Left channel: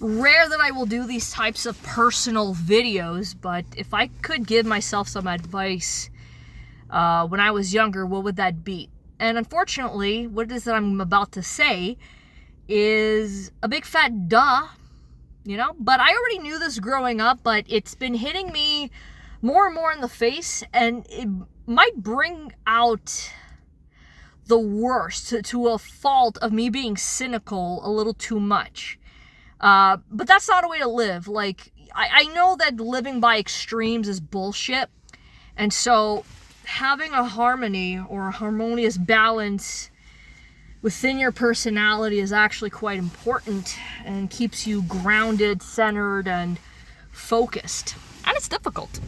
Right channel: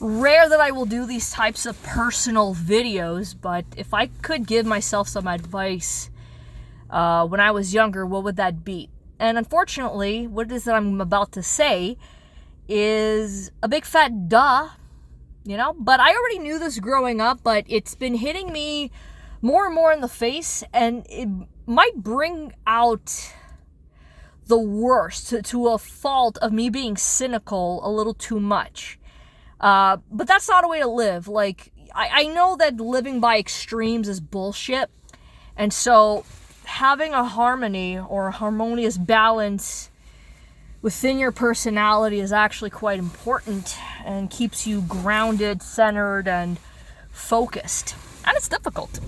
rare that I will do these types of personal videos, but if I could give myself some advice when I was younger, what would that be? And unfortunately, what it is that I'm about to say is a big fat duh, but I already knew this growing up, but it's been hitting me more and more in the face, and it might bring out the worst to a fault of me being cynical a little too much. But that's not a way to live. Like, I know that living by extremes is bullshit, and so having a harmony or a harmonious balance within your personality is actually quite important and keeps you grounded, centered, and focused. And it's difficult.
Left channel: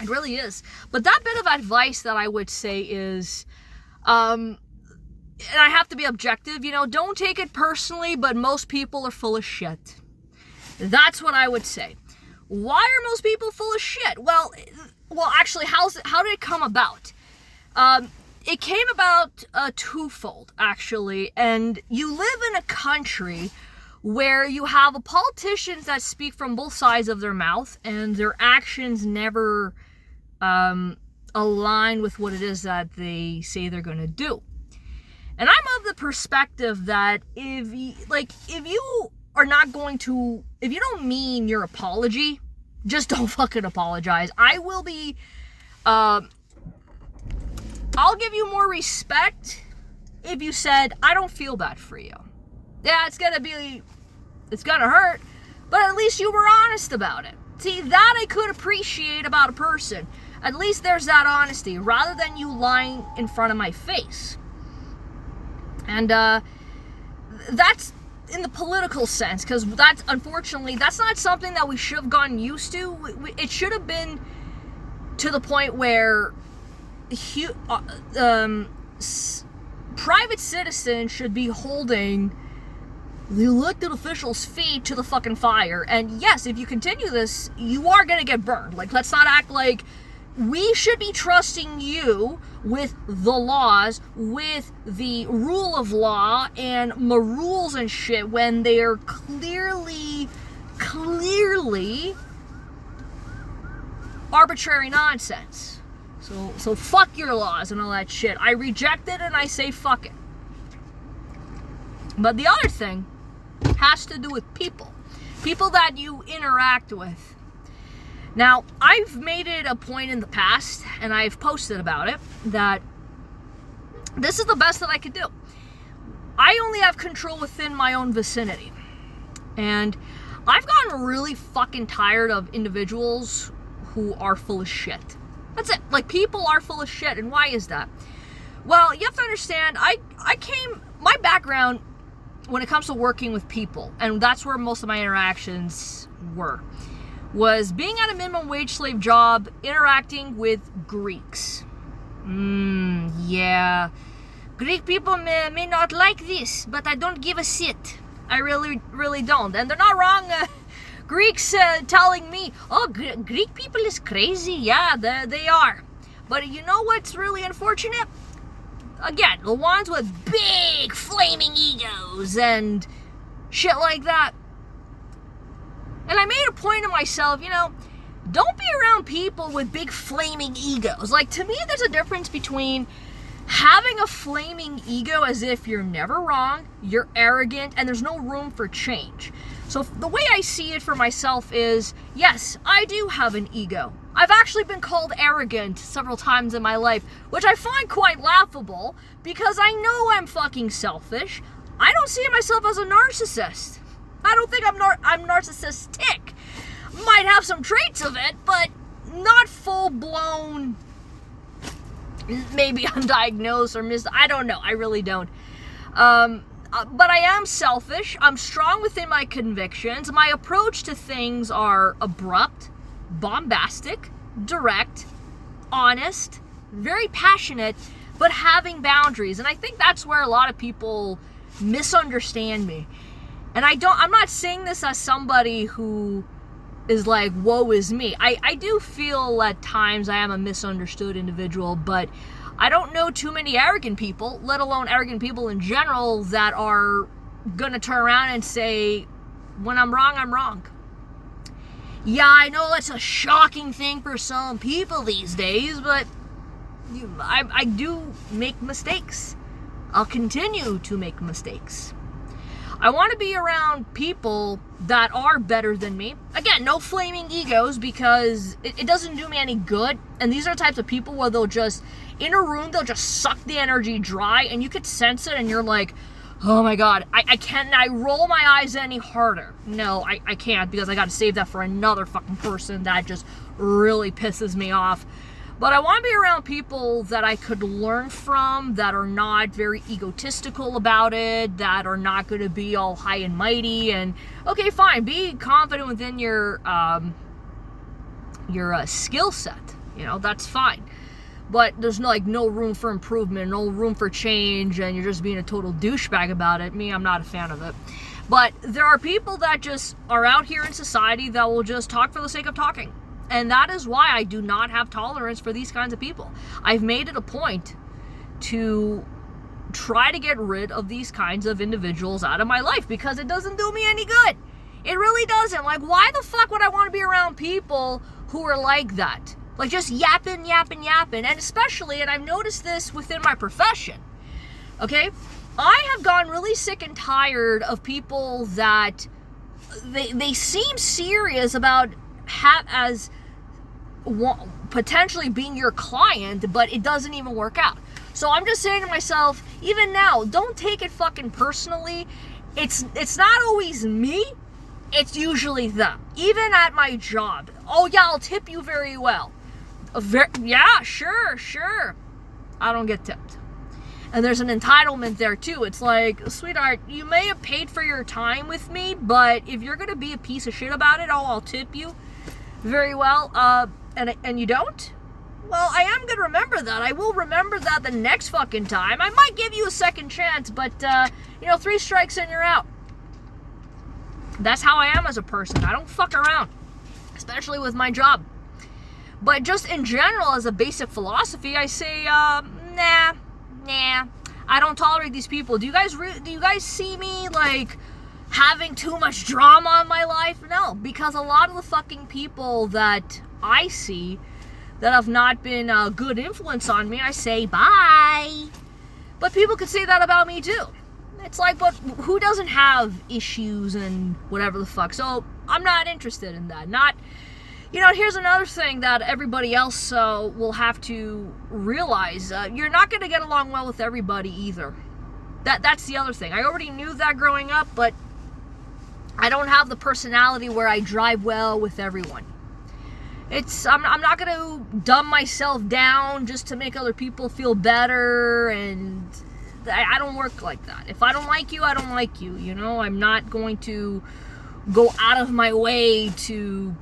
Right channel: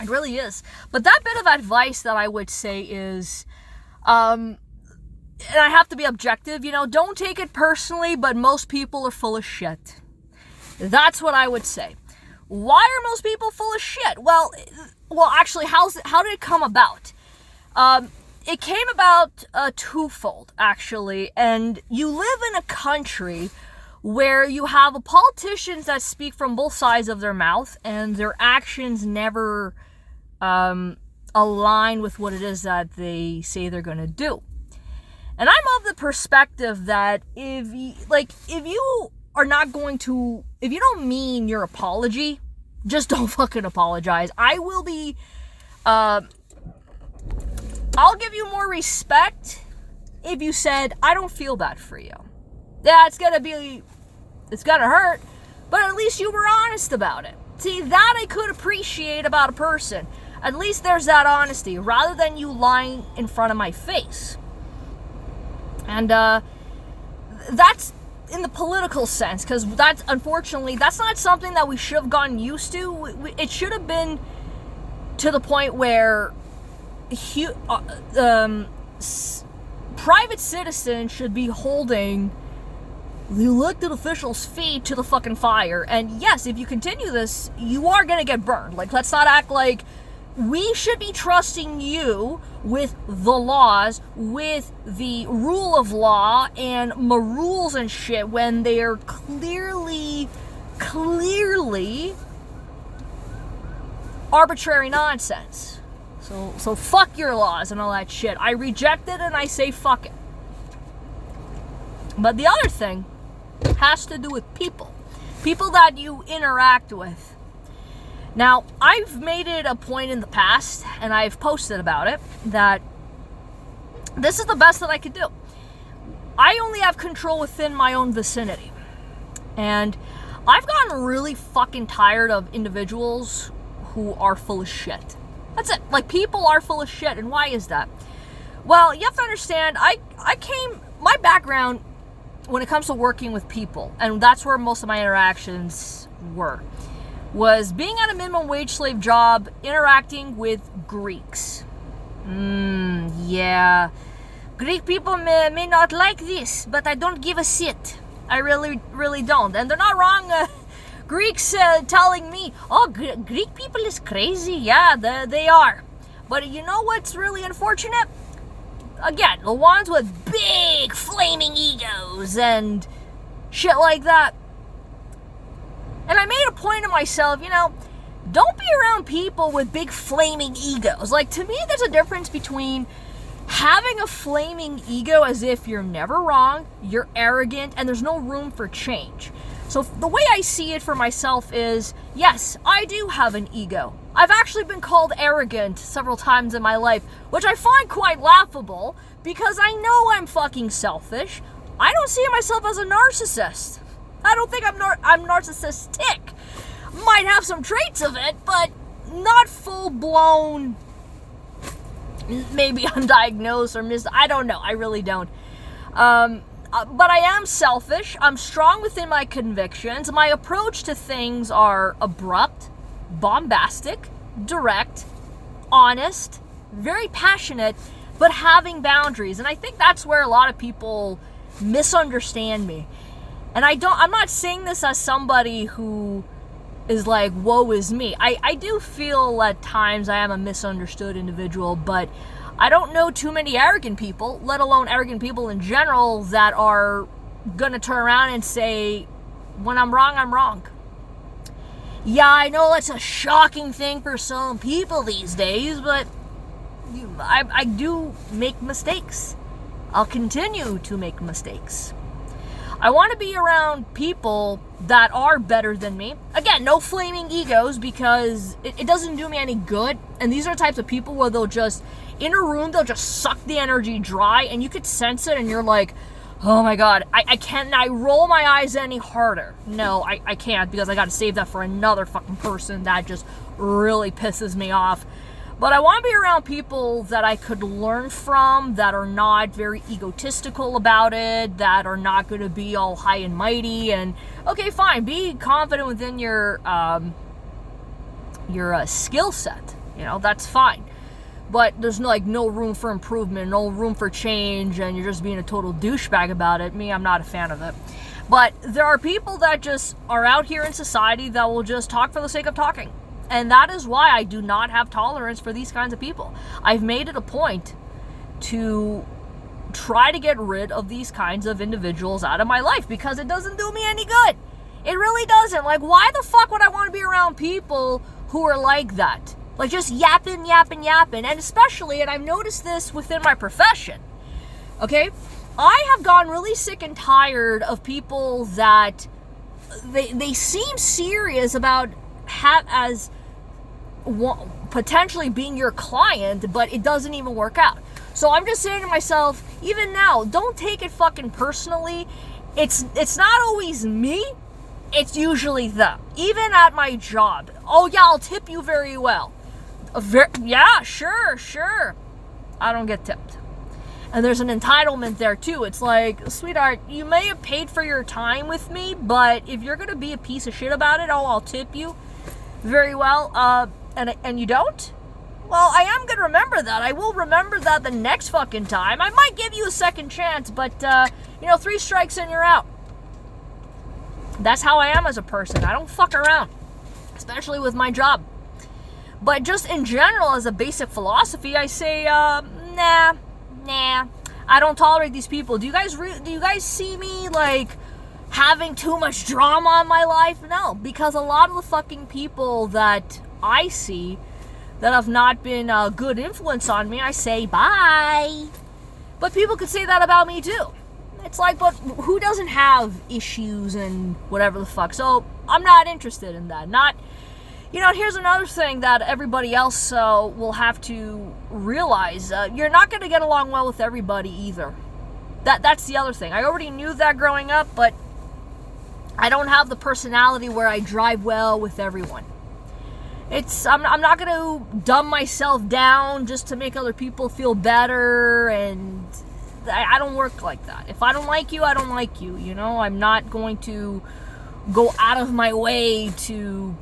It really is. But that bit of advice that I would say is, and I have to be objective, don't take it personally, but most people are full of shit. That's what I would say. Why are most people full of shit? Well, actually, how did it come about? It came about twofold, actually. And you live in a country where you have politicians that speak from both sides of their mouth, and their actions never align with what it is that they say they're going to do. And I'm of the perspective that if you are not going to, if you don't mean your apology, just don't fucking apologize. I will be, I'll give you more respect if you said, I don't feel bad for you. Yeah, it's gonna hurt, but at least you were honest about it. See, that I could appreciate about a person. At least there's that honesty, rather than you lying in front of my face. And that's in the political sense, because that's, unfortunately, that's not something that we should have gotten used to. It should have been to the point where private citizens should be holding the elected officials' feet to the fucking fire. And yes, if you continue this, you are gonna get burned. Like, let's not act like we should be trusting you with the laws, with the rule of law and my rules and shit, when they're clearly arbitrary nonsense. So fuck your laws and all that shit. I reject it and I say fuck it. But the other thing has to do with people that you interact with. Now, I've made it a point in the past, and I've posted about it, that this is the best that I could do. I only have control within my own vicinity. And I've gotten really fucking tired of individuals who are full of shit. That's it. Like, people are full of shit. And why is that? Well, you have to understand, my background when it comes to working with people, and that's where most of my interactions were, was being at a minimum wage slave job, interacting with Greeks. Yeah. Greek people may not like this, but I don't give a shit. I really, really don't. And they're not wrong. Greeks telling me, oh, Greek people is crazy. Yeah, they are. But you know what's really unfortunate? Again, the ones with big flaming egos and shit like that. And I made a point to myself, don't be around people with big flaming egos. Like, to me, there's a difference between having a flaming ego as if you're never wrong, you're arrogant, and there's no room for change. So the way I see it for myself is, yes, I do have an ego. I've actually been called arrogant several times in my life, which I find quite laughable, because I know I'm fucking selfish. I don't see myself as a narcissist. I don't think I'm narcissistic. Might have some traits of it, but not full-blown, maybe undiagnosed or I don't know. I really don't. But I am selfish. I'm strong within my convictions. My approach to things are abrupt, bombastic, direct, honest, very passionate, but having boundaries. And I think that's where a lot of people misunderstand me. And I'm not saying this as somebody who is like, woe is me. I do feel at times I am a misunderstood individual, but I don't know too many arrogant people, let alone arrogant people in general, that are gonna turn around and say when I'm wrong, I'm wrong. Yeah, I know it's a shocking thing for some people these days, but I do make mistakes. I'll continue to make mistakes. I want to be around people that are better than me. Again, no flaming egos, because it doesn't do me any good. And these are types of people where they'll just, in a room, they'll just suck the energy dry, and you could sense it, and you're like, oh my God, I can't, I roll my eyes any harder. No, I can't, because I got to save that for another fucking person that just really pisses me off. But I want to be around people that I could learn from, that are not very egotistical about it, that are not going to be all high and mighty. And okay, fine, be confident within your skill set. You know, that's fine. But there's no room for improvement, no room for change, and you're just being a total douchebag about it. Me, I'm not a fan of it. But there are people that just are out here in society that will just talk for the sake of talking. And that is why I do not have tolerance for these kinds of people. I've made it a point to try to get rid of these kinds of individuals out of my life, because it doesn't do me any good. It really doesn't. Like, why the fuck would I want to be around people who are like that? Like, just yapping. And especially, and I've noticed this within my profession, okay? I have gotten really sick and tired of people that they seem serious about potentially being your client, but it doesn't even work out. So I'm just saying to myself, even now, don't take it fucking personally. It's not always me, it's usually them. Even at my job. Oh yeah, I'll tip you very well. Yeah, sure. I don't get tipped. And there's an entitlement there too. It's like, sweetheart, you may have paid for your time with me, but if you're gonna be a piece of shit about it, I'll tip you very well. And you don't? Well, I am gonna remember that. I will remember that the next fucking time. I might give you a second chance, but 3 strikes and you're out. That's how I am as a person. I don't fuck around, especially with my job. But just in general, as a basic philosophy, I say, nah. I don't tolerate these people. Do you guys see me like having too much drama in my life? No, because a lot of the fucking people that I see that have not been a good influence on me, I say bye. But people could say that about me too. It's like, but who doesn't have issues and whatever the fuck? So I'm not interested in that. Here's another thing that everybody else will have to realize. You're not going to get along well with everybody either. That's the other thing. I already knew that growing up, but I don't have the personality where I drive well with everyone. I'm not going to dumb myself down just to make other people feel better, and I don't work like that. If I don't like you, I don't like you. I'm not going to go out of my way to...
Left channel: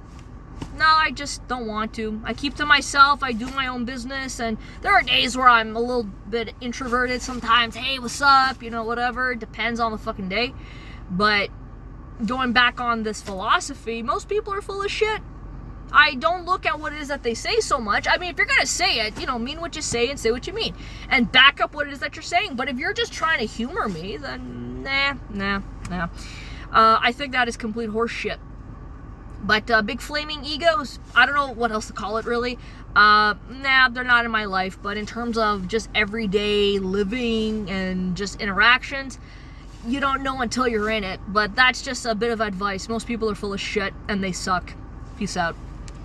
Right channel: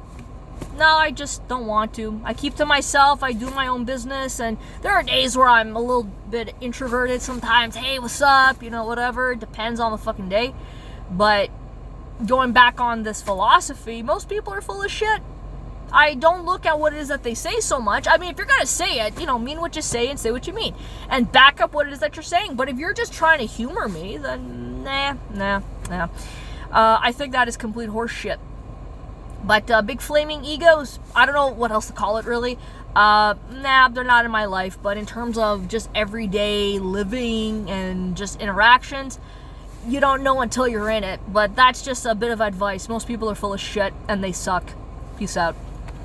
No, I just don't want to. I keep to myself. I do my own business, and there are days where I'm a little bit introverted sometimes. Hey, what's up? Whatever. It depends on the fucking day. But going back on this philosophy, most people are full of shit. I don't look at what it is that they say so much. I mean, if you're going to say it, mean what you say and say what you mean. And back up what it is that you're saying. But if you're just trying to humor me, then nah. I think that is complete horse shit. But big flaming egos, I don't know what else to call it really. They're not in my life. But in terms of just everyday living and just interactions, you don't know until you're in it. But that's just a bit of advice. Most people are full of shit and they suck. Peace out.